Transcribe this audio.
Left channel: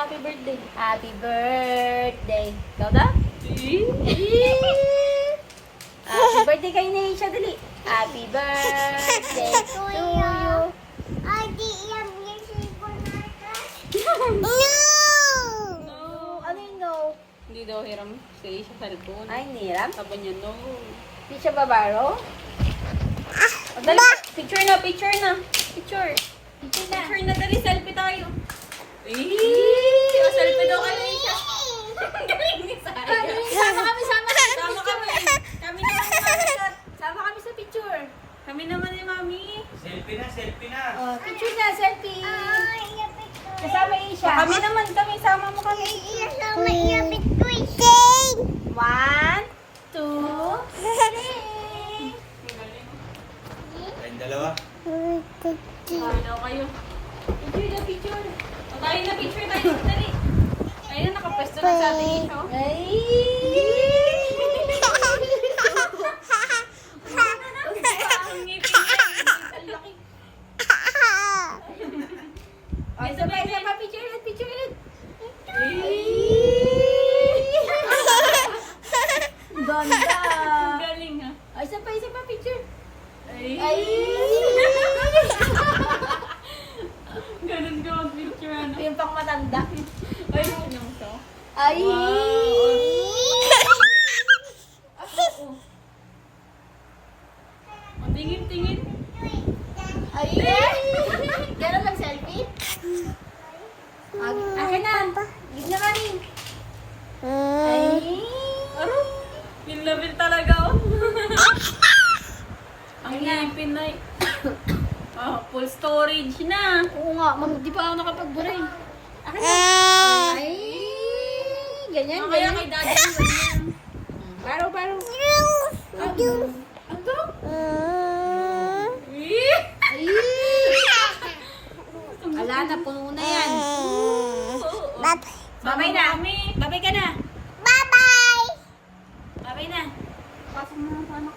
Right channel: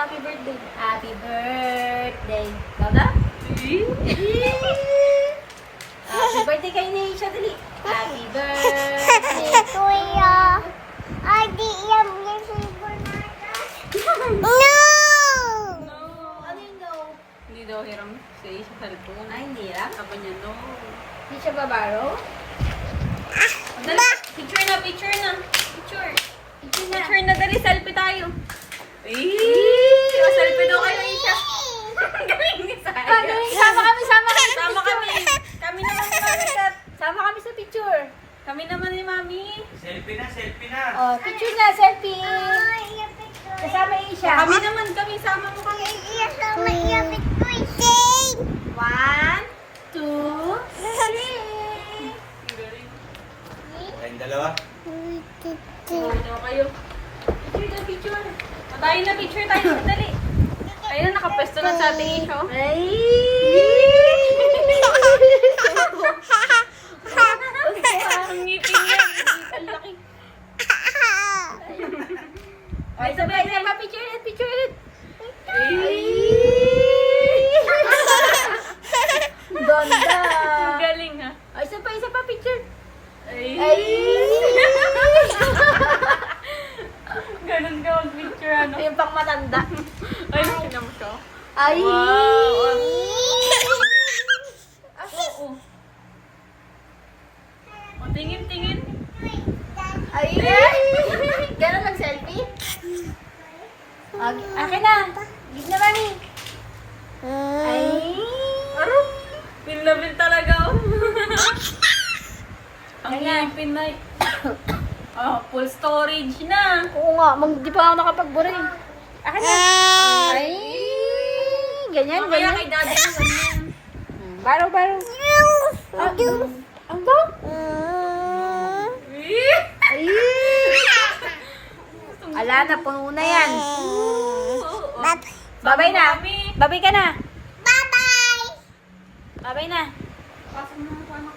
happy birthday. Happy birthday. Ikaw na? Happy birthday kay Neisha, dali. Happy birthday to you. Ay, di yan yung sipon natin. No! No. Ano yung no? Hindi daw hiram sa cellphone. Ay, hindi lang. Sabi niya, no. Hindi siya babaro? Dali, picture na. Picture. Hindi na. Picture na, dali, selfie tayo. Selfie daw kayo siya. Galing ni Saya. Sama kami. Sama kami. Kami naman ni Mami Kat. Sama kami sa picture. Kami naman ni Mami. Selfie na. Oh, picture na, selfie. Ay, yapit ko. Kasama yung siya. Kami naman, sama mo kami. Sama yapit ko. Sing! 1, 2, 3. Tayong dalawa. Ano kayo? Picture. Tayo na, picture tayo. Dali. Ayun, nakapwesto na sa ating isyo. Ay! Ang ngipin niya. Ang laki. Ay, sabay, picture ulit. Ganda. Ang galing ha. Ay, isa pa picture. Ay. Ay! Ganun ka mag-picture ano. Yung pang matanda. Ay, sinam ka. Ay! Wow. Oo. O, tingin. Ay! Ganun ang selfie? Akin na. Big na mami. Ay! Aro. Pinlabil talaga oh. Ang ngipin na. Full storage na. Oo nga, di pa ako nakapag-buray. Akin na. Ay! Ganyan, Mamaya ganyan. kay daddy mo ganyan. Baro. Ang ba? Ay! Ala na, puno na yan. Babay na. Babay ka na. Bye-bye! Babay na. Pasok na ako anak.